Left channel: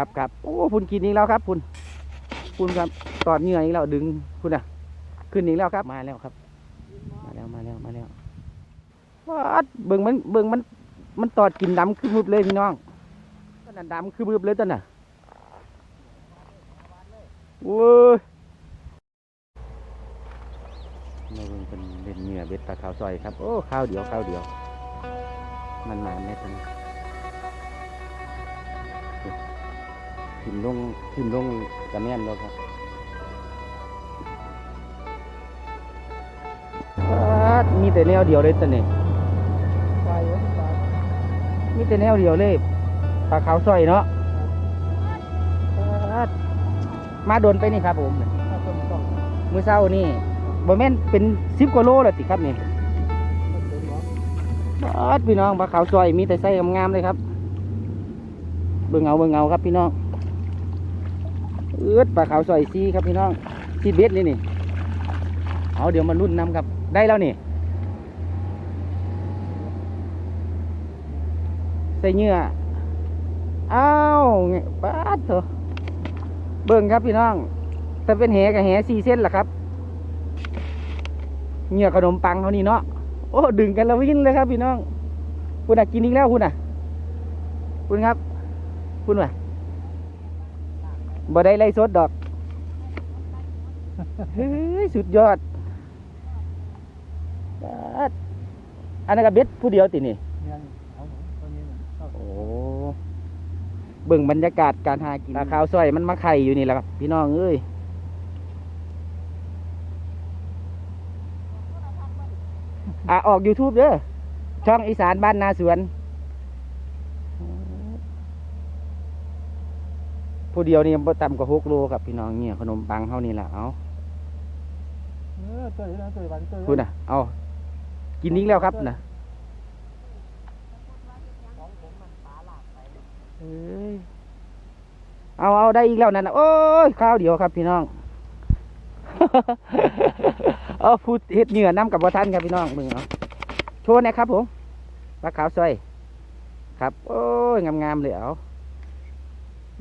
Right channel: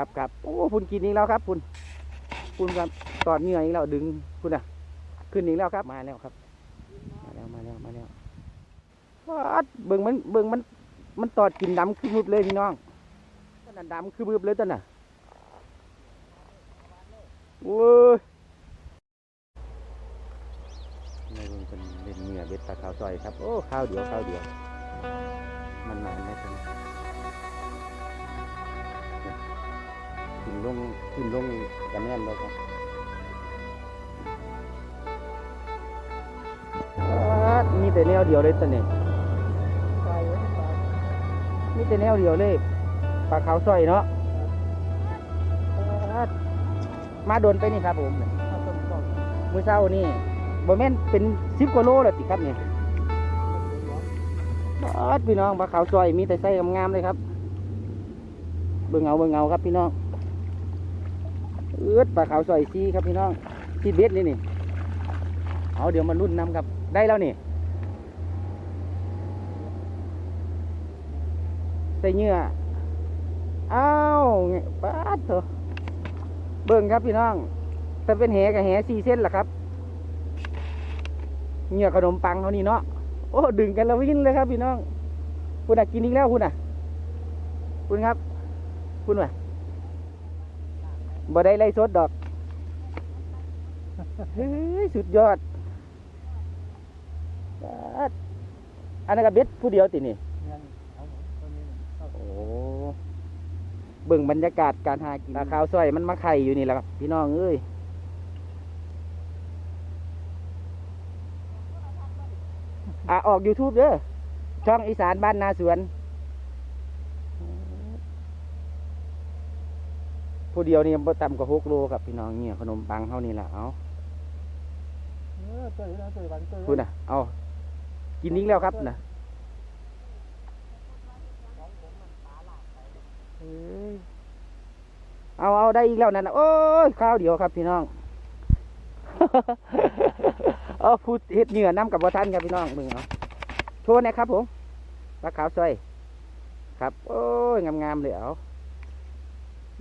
ครับครับโอ้พุ่นกินอีกแล้วครับพุ่นพุ่นครับตอดเหงื่ออีกแล้วดึงพุ่นอะ ขึ้นอีกแล้วครับมาแล้วครับ มาแล้วมาแล้วมาแล้ววัดเบิ่งมันเบิ่งมันมันตอดกินดำคือบึบเลยพี่น้องต้นนั้นดำคือบึบเลยต้นน่ะโว้ยในเบิ่งเป็นเล่นเหงื่อเบ็ดปลาขาวซอยครับโอ้ข้าวเดียวข้าวเดียวมันนานไหมครั ขึ้นลงขึ้นลงกันแน่นเลยครับมีแต่แนวเดียวเลยตอนนี้มีแต่แนวเดียวเลยปลาขาวซอยเนาะมาโดนไปนี่ครับผมมือเศร้านี่บ่แม่นเป็นสิบกว่าโลแล้วติครับนี่ป๊าดพี่น้องปลาขาวซอยมีแต่ไส้งามๆเลยครับ เบิ่งเอาเบิ่งเอาครับพี่น้อง เอื้อดปลาขาวซอยซีครับพี่น้องซีเบ็ดนี่นี่เอาเดี๋ยวมารุ่นน้ำครับได้แล้วนี่ใส่เหงื่ออ้าวป้าดเถอะเบิ่งครับพี่น้องถ้าเป็นแหกับแหสี่เส้นล่ะครับเหงื่อขนมปังเขานี่เนาะโอ้ดึงกันแล้ววิ่งเลยครับพี่น้องคุณอะกินอีกแล้วคุณอะคุณครับ คุณว่ะ บ่ได้ไล่สดดอกเฮ้ยสุดยอดป๊าดอันนั้นก็เบ็ดผู้เดียวตินี่โอ้เบิ่งบรรยากาศการหากินปลาขาวซอยมันมาไข่อยู่นี่แหละครับพี่น้องเอ้ยอะออก YouTube เด้อช่องอีสานบ้านนาสวน ผู้เดียวนี่บ่ต่ำกว่าหกโลครับพี่น้องเนี่ยขนมปังเท่านี้แหละเอาพูดนะเอากินนี้แล้วครับนะเอ้ยเอาเอาได้อีกแล้วนั่นนะโอ้ยข้าวเดียวครับพี่น้อง เอาพูดเฮ็ดเหนือน้ำกับบ่ทันครับพี่น้องมึงเอาโชว์หนะครับผมปลาขาวซอยครับ โอ้ยงามๆเลยเอา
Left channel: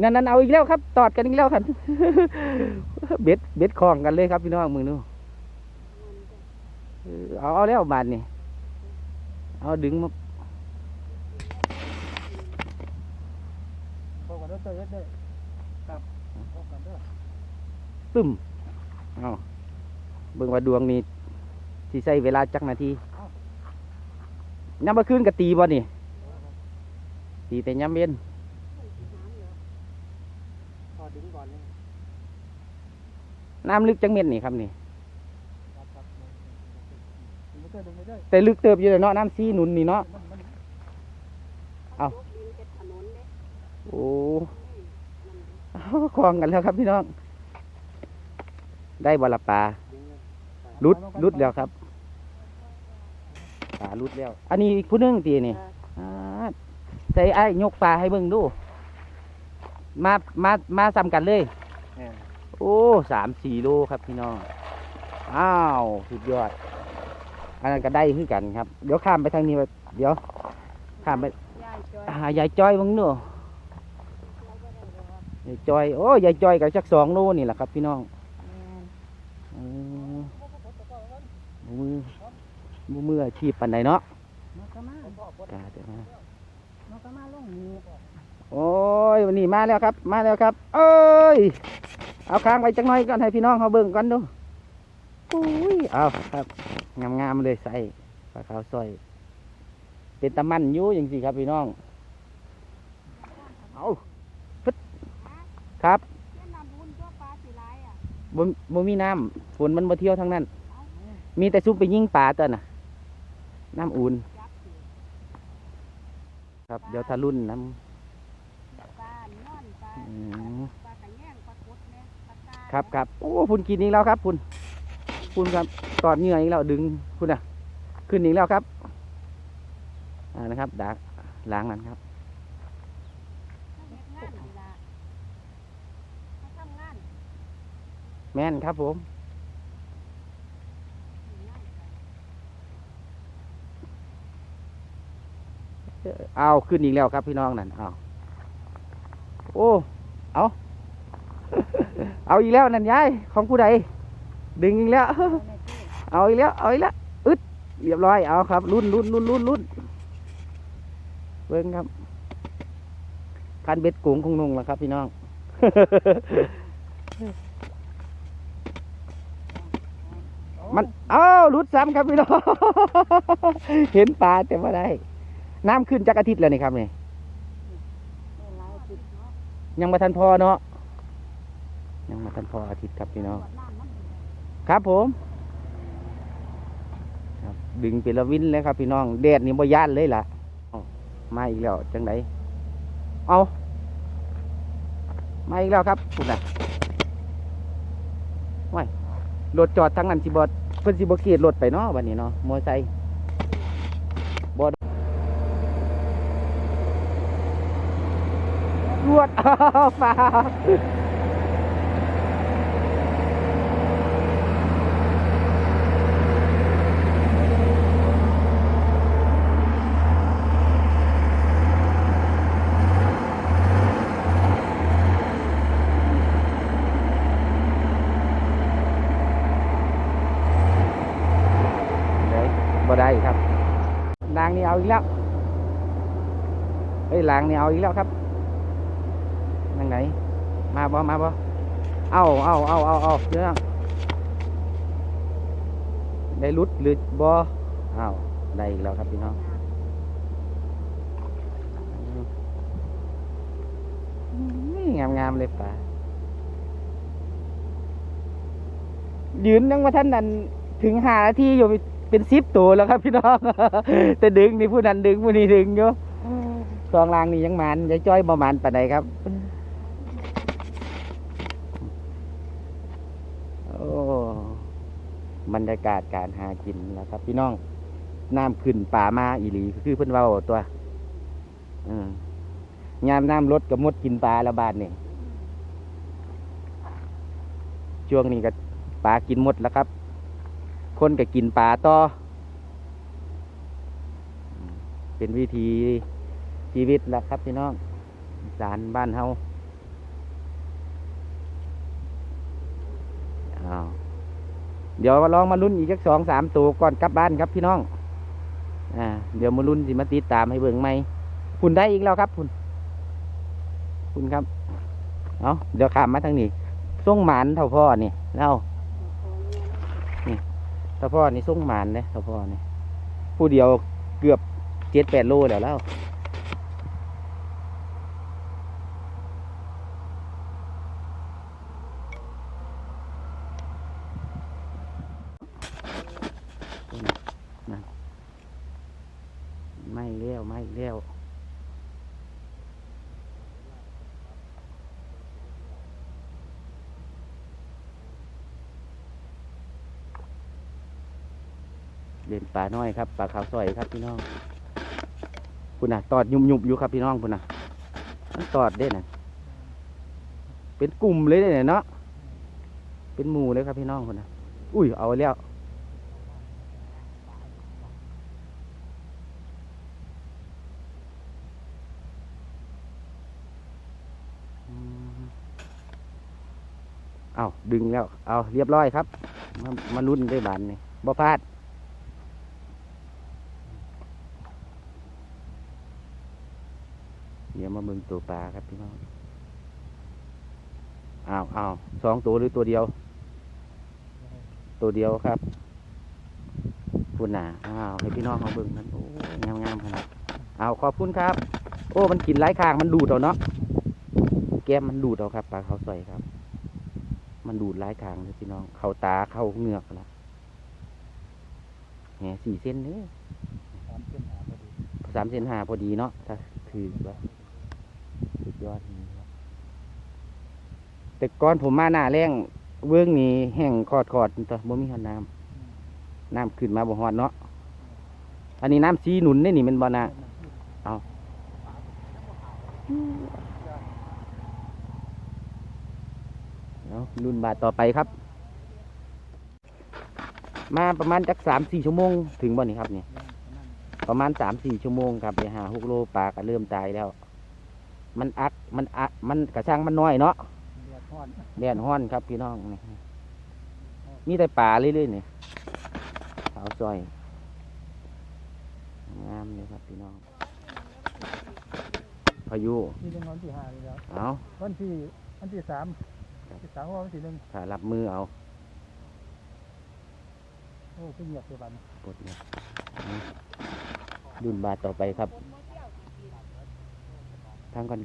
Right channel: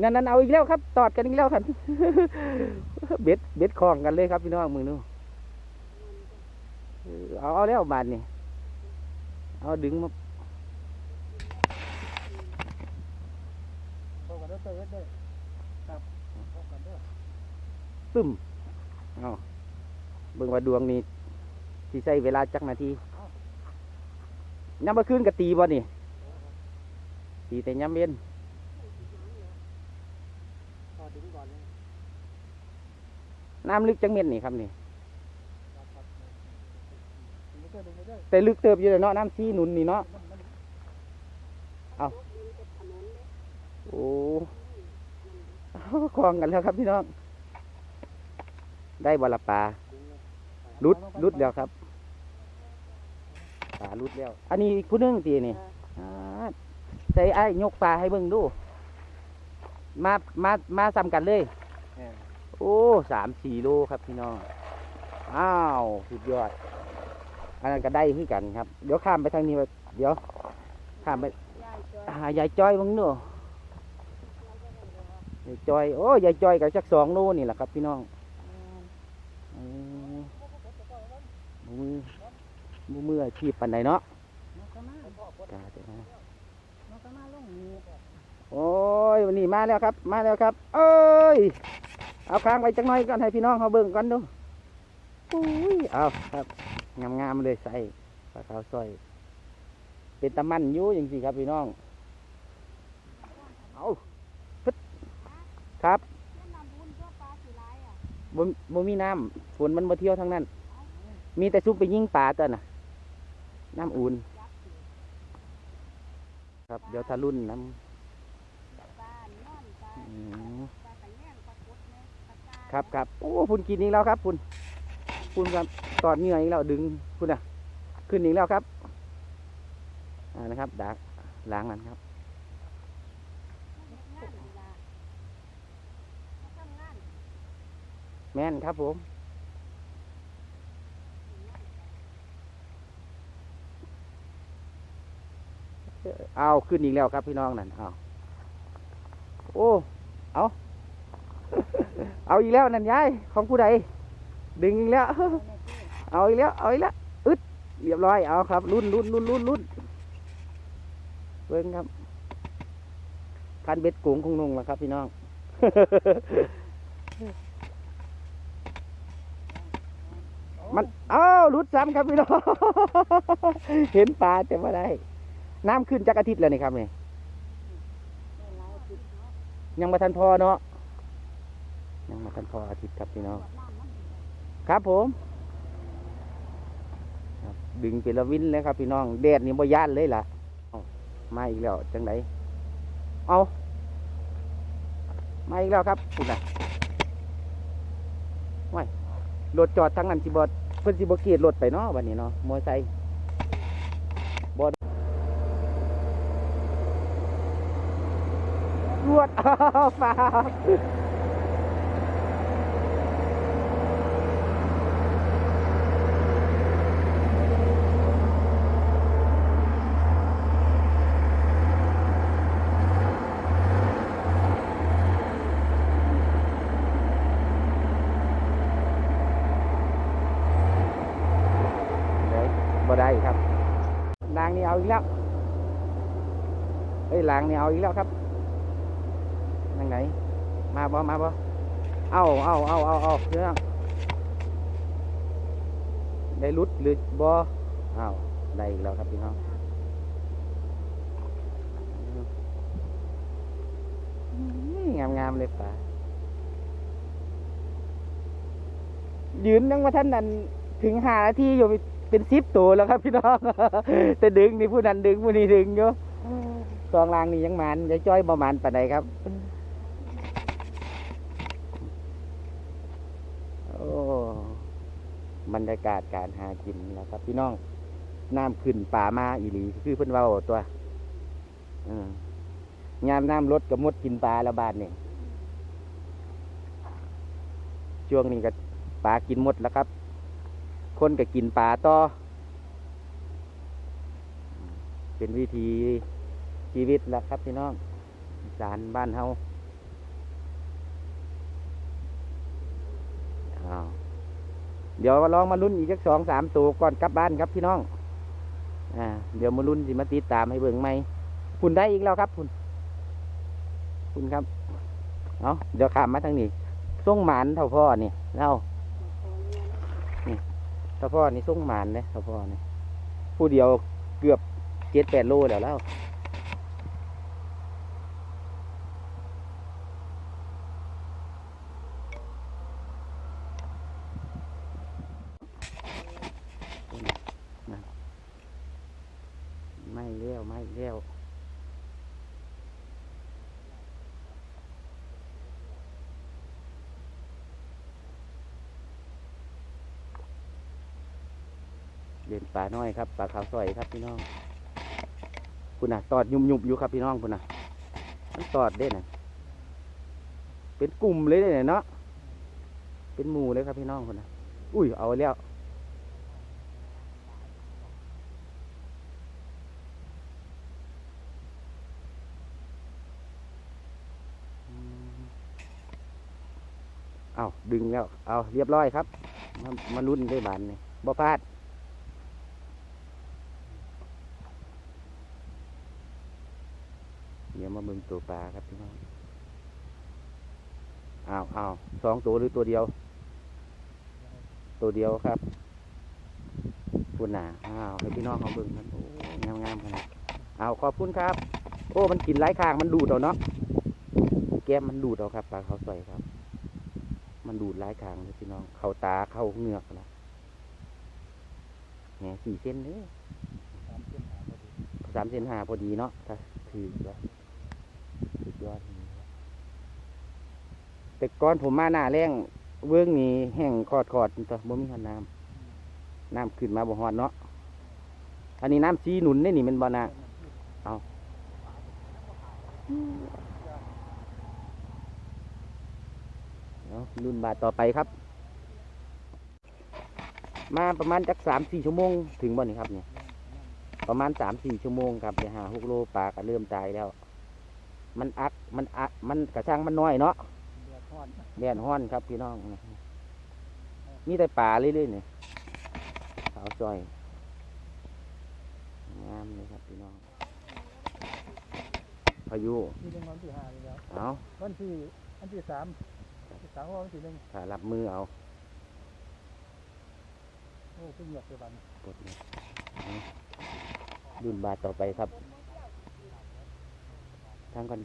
นั่นนั่นเอาอีกแล้วครับ ตอดกันอีกแล้วครับเบ็ดเบ็ดคล้องกันเลยครับพี่น้องมือนู้เออเอาเอาแล้วบาทนี่เอาดึงมาตึ้มเอาเบิ่งว่าดวงนี้ที่ใช้เวลาจักนาทีย้ำมาคืนกับตีบ่นี่ตีแต่ย้ำเย็น น้ำลึกจังเม็ดนี่ครับนี่ แต่ลึกเติบอยู่เลยเนาะน้ำซีหนุนนี่เนาะเอาโอ้เอาคลองกันแล้วครับพี่น้อง ได้บอละปลาลุดลุดแล้วครับปลาลุดแล้ว อันนี้อีกผู้หนึงตีนี่อ่าใส่ไอ้ายยกปลาให้เบิ่งดู มา มา มาซ้ำกันเลย โอ้สามสี่โลครับพี่น้อง อ้าวสุดยอด อันนั้นก็ได้คือกันครับ เดี๋ยวข้ามไปทางนี้ไปเดี๋ยว ข้ามไปหายายจ้อยมึงเนอะยายจ้อย โอ้ยายจ้อยกับจักสองโลนี่แหละครับ พี่น้องอืมมือมือมืออาชีพปันใดเนาะกาเดี๋ยวนะโอ้ยวันนี้มาแล้วครับ มาแล้วครับ เอ้ย เอาค้างไว้จังน่อยก่อนให้พี่น้องเขาเบิ่งกันดูอุ้ยเอาครับงามๆเลยใส่ปลาขาวซอยเป็นตะมันยู่อย่างสิครับพี่น้องเอาพึดครับบ่บ่มีน้ำฝนมันมาเที่ยวทั้งนั้น มีแต่ซุปไปยิงปลาตัวน่ะ น้ำอุ่นครับ เดี๋ยวทะลุ่นน้ำอืม ครับครับโอ้พุ่นกินอีกแล้วครับพุ่นพุ่นครับตอดเหงื่ออีกแล้วดึงพุ่นอะ ขึ้นอีกแล้วครับมานะครับดักล้างกันครับแม่นครับผมเอาขึ้นอีกแล้วครับพี่น้องนั่นเอาโอ้ เอา เอาอีกแล้วนั่นยายของผู้ใดดึงอีกแล้ว เอาอีกแล้ว เอาอีกแล้ว อึดเรียบร้อย เอาครับรุ่นรุ่นรุ่นรุ่นรุ่นเบิ้งครับพันเบ็ดโกงคงนงแล้วครับ พี่น้อง มันเอ้ารุดซ้ำครับพี่น้อง เห็นปลาแต่ว่าได้ น้ำขึ้นจากอาทิตย์แล้วนี่ครับเนี่ยังมาทันพอเนาะ ยังมาทันพออาทิตย์ครับพี่น้องครับผมดึงเป็นละวินเลยครับพี่น้องแดดนี่บ่ย่านเลยล่ะมาอีกแล้วจังไดเอามาอีกแล้วครับคุณน่ะว้ายรถจอดทั้งนั้นสิบอเพิ่นสิบ่เกียดรถไปเนาะวันนี้เนาะมอไซค์บ่รวดอ้าวฟ้า ได้บ่ได้ครับลางนี่เอาอีกแล้ว เฮ้ยลางเนี่ยเอาอีกแล้วครับยังไงมาบ่มาบ่เอาเอาเอาเอาเอาเรื่องได้รุดหรือบ่เอาได้อีกแล้วครับพี่น้องงามงามเลยป่ายืนยังว่าท่านนั้นถึงหาที่อยู่เป็นซิปตัวแล้วครับพี่น้อง แต่ดึงนี่ผู้นั้นดึงผู้นี้ดึงอยู่ ซองลางนี่ยังมันจะจ้อยประมาณปานใดครับ โอ้บรรยากาศการหากินแล้วครับ พี่น้องน้ำขึ้นป่ามาอีหลีคือเพิ่นเว้าตัวอืมยามน้ำลดกับมดกินปลาละบาทนี่ช่วงนี้ก็ปลากินหมดแล้วครับ คนก็กินปลาต่อ เป็นวิธี ชีวิตแหละครับพี่น้องสารบ้านเฮาอ้าเดี๋ยวลองมาลุ้นอีกสักสองสามตัวก่อนกลับบ้านครับพี่น้อง อ่า เดี๋ยวมาลุ้นสิมาติดตามให้เบิ่งไหมคุณได้อีกแล้วครับคุณ คุณครับ เอาเดี๋ยวขามมาทางนี้ส่งหมานเท่าพ่อนี่เล่าเท่าพ่อนี่ส่งหมานเลยเท่าพ่อนี่ผู้เดียวเกือบเจ็ดแปดโลแล้วแล้วนั่นไม่เลี้ยวไม่เลี้ยว เล่นปลาน้อยครับปลาขาวซอยครับพี่น้องคุณน่ะตอดยุบยุบอยู่ครับพี่น้องคุณน่ะมันตอดได้น่ะเป็นกลุ่มเลยเนี่ยเนาะเป็นหมู่เลยครับพี่น้องคุณน่ะอุ้ยเอาแล้วเอาดึงแล้ว เอาเรียบร้อยครับ มามาลุ้นด้วยบานนี่บ่พลาด ดี๋ยวมาเบิ่งตัวปลาครับพี่น้องอ้าวอ้าวสองตัวหรือตัวเดียว ตัวเดียวครับคุณน่ะอ้าวให้พี่น้องมาเบิ่งกันโอ้งามงามๆขนาดเอาขอบคุณครับ โอ้ มันกินหลายข้างมันดูดเอาเนาะแก้มมันดูดเอาครับปลาเขาใส่ครับ มันดูดหลายข้างเลยพี่น้อง เข้าตาเข้าเหงือกนะแหมสี่เส้นนี้สามเส้นหาพอดีเนาะถ้าถือว่า ยอดนี่แต่ก่อนผมมาหน้าแรงเบื้องนี้แห้งคอดคอดๆตัวบ่มีหันน้ำน้ำขึ้นมาบ่ฮอดเนาะอันนี้น้ำซีหนุนนี่นี่เป็นบ่นาเอาเนาะรุ่นบาทต่อไปครับ มาประมาณจักสามสี่ชั่วโมงถึงบ่นี่ครับเนี่ยประมาณสามสี่ชั่วโมงครับไปหาหกโลปลาก็เริ่มตายแล้ว มันอัก มันอัก มันกระช่างมันน้อยเนาะเดือดร้อนแดนห้อนครับพี่น้อง มีแต่ป่าเรื่อยๆนี่ขาวซอย งามเลยครับพี่น้อง พายุนี่เป็นวันที่ห้าเลยแล้วเอาวันที่วันที่สามที่สามว่าวันที่หนึ่งถ้ารับมือเอา โอ้ขึ้นเหยียบเสียบันกดเลยเอาดุนบาทต่อไปครับ ทางก่อน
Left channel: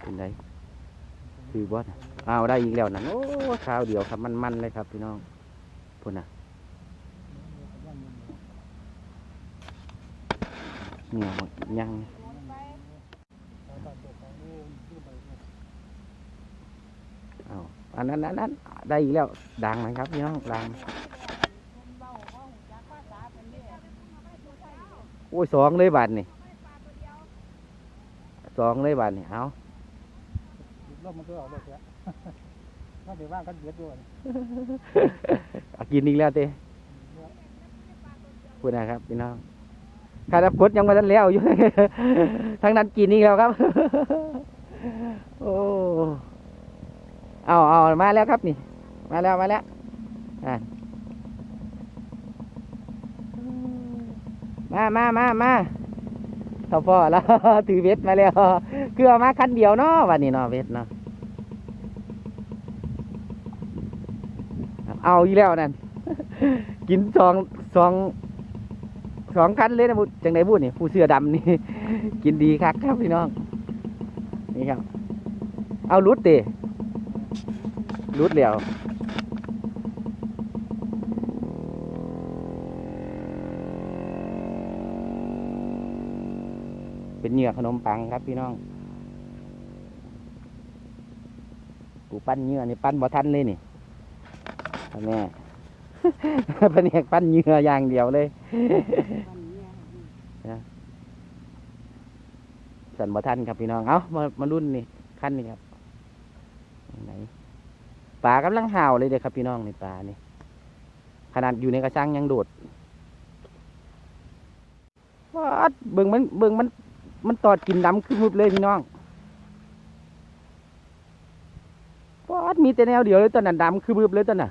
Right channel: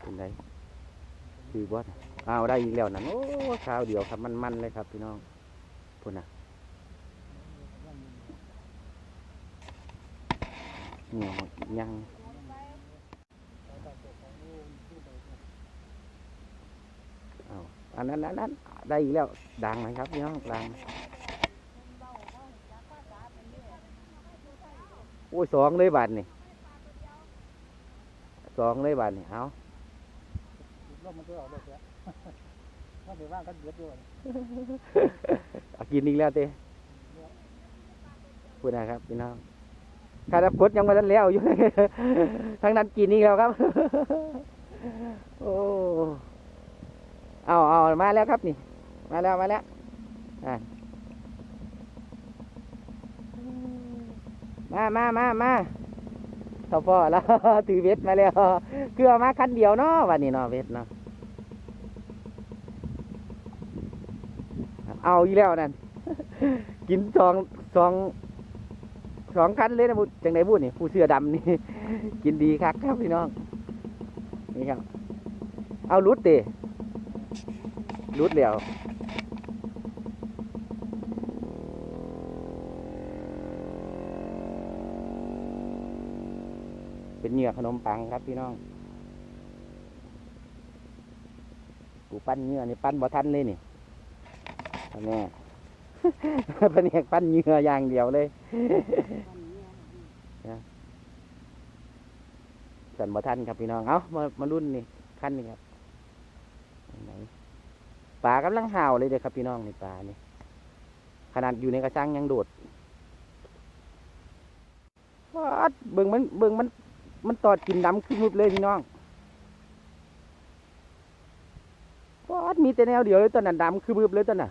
เป็นไรคือบอสเอาได้อีกแล้วนะโอ้ข้าวเดียวครับมันๆเลยครับพี่น้องพุ่นน่ะเนี่ยยัง เอาอันนั้นอันนั้นได้อีกแล้วดังไหมครับพี่น้องดังโอ้ยสองเลยบาทนี่สองเลยบาทนี่เอารอบมันก็ออกเลยเสียถ้าเดี๋ยวว่างก็เดือดด้วยเอากินอีกแล้วเต้พูดนะครับพี่น้องข้ารับกดยังไม่ทันแล้วอยู่ทั้งนั้นกินอีกแล้วครับ โอ้ เอาเอามาแล้วครับนี่ มาแล้วมาแล้วมามามามาเท่าพ่อแล้วถือเวทมาแล้วคือเอมาคันเดียวเนาะวันนี้เนาะเวทเนาะเอาอีแล้วนั่นกินสองสองสองคันเลยนะบุจังไหนบุนี่ผู้เสื้อดำนี่ กินดีครับครับพี่น้องนี่ครับ เอารุดเด รุดเดียวเป็นเหยื่อขนมปังครับพี่น้องกูปั้นเหยื่อนี่ปั้นบ่ทันเลยนี่อันเนี้ยแผนกปั้นเหยื่ออย่างเดียวเลยสันบ่ทันครับพี่น้อง เอามามารุ่นนี่ขั้นนี่ครับไหน ปลากำลังห่าวเลยเด็กครับพี่น้องนี่ปลานี่ขนาดอยู่ในกระชังยังโดดวัดเบิ่งมันเบิ่งมัน มันตอดกินดำขึ้นมุบเลยพี่น้องวัดมีแต่แนวเดียวเลยตอนนั้นดำคือมุบเลยตอนน่ะ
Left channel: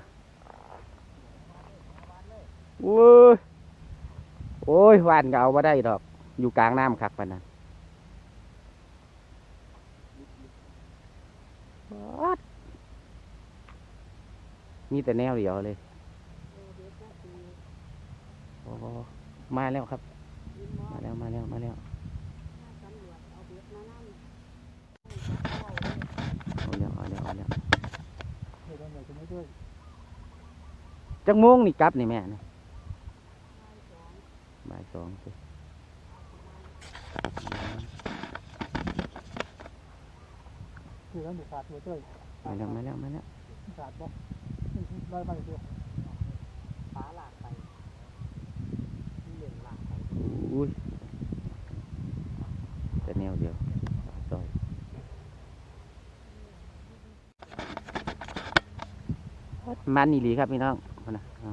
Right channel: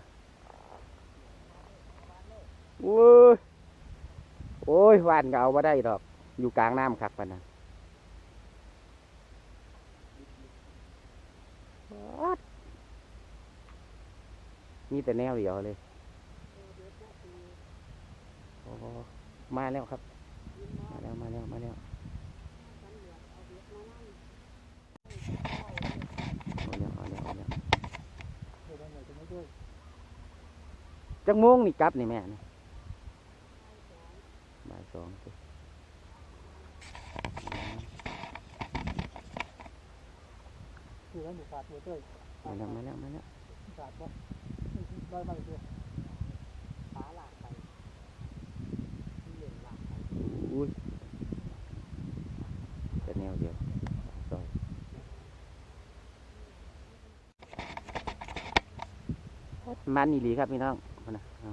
โอ้ยโอ้ยหวานก็เอามาได้ดอก อยู่กลางน้ำครับปานนั้น วัด มีแต่แนวเดียวเลยโอ้มาแล้วครับ มาแล้วมาแล้วมาแล้วเอาแล้วเอาแล้วเอาแล้วเดี๋ยวเราจะไม่ด้วยจังโมงนี่กลับนี่แม่นี่บ่ายสองสิคือแล้วมีขาดเยอะด้วยมาแล้วมาแล้วมาแล้ว ขาดบ่ได้ไม่ด้วยปลาหลากไปเหลืองหลากไปอุ้ยแต่แนวเดียวซอยมันนี่ดีครับพี่น้องเอานะเอา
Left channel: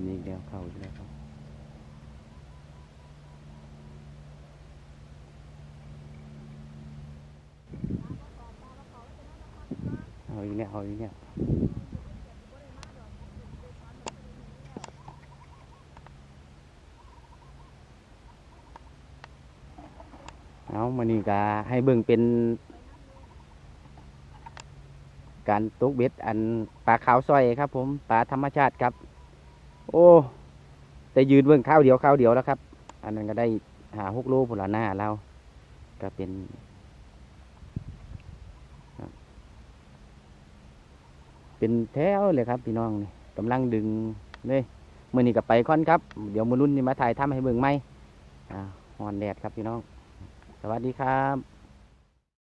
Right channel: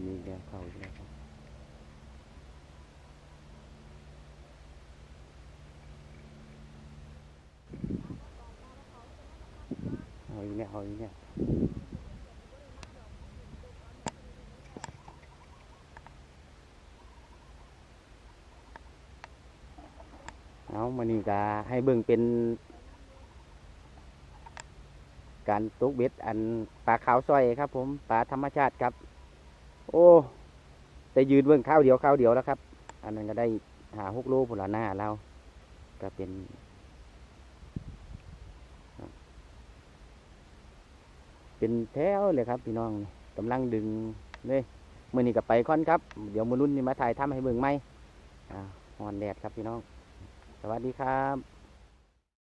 กินอีกแล้วเข้าอีกแล้วครับเอาอีกแล้วเอาอีกแล้วเอามานี่ก็ให้เบิ่งเป็นการตกเบ็ดอันปลาขาวซอยครับผมปลาธรรมชาติครับ โอ้แต่ยืนเบิ่งข้าวเดียวข้าวเดียวแล้วครับ อันนั้นก็ได้หาหกโลผลหน้าเราก็เป็นเป็นแถวเลยครับพี่น้องกำลังดึงเลยมือนี้กับไปค่อนครับ เดี๋ยวมือรุ่นนี้มาถ่ายทำให้เบิ่งไหมอ่าฮอนแดดครับพี่น้อง สวัสดีครับ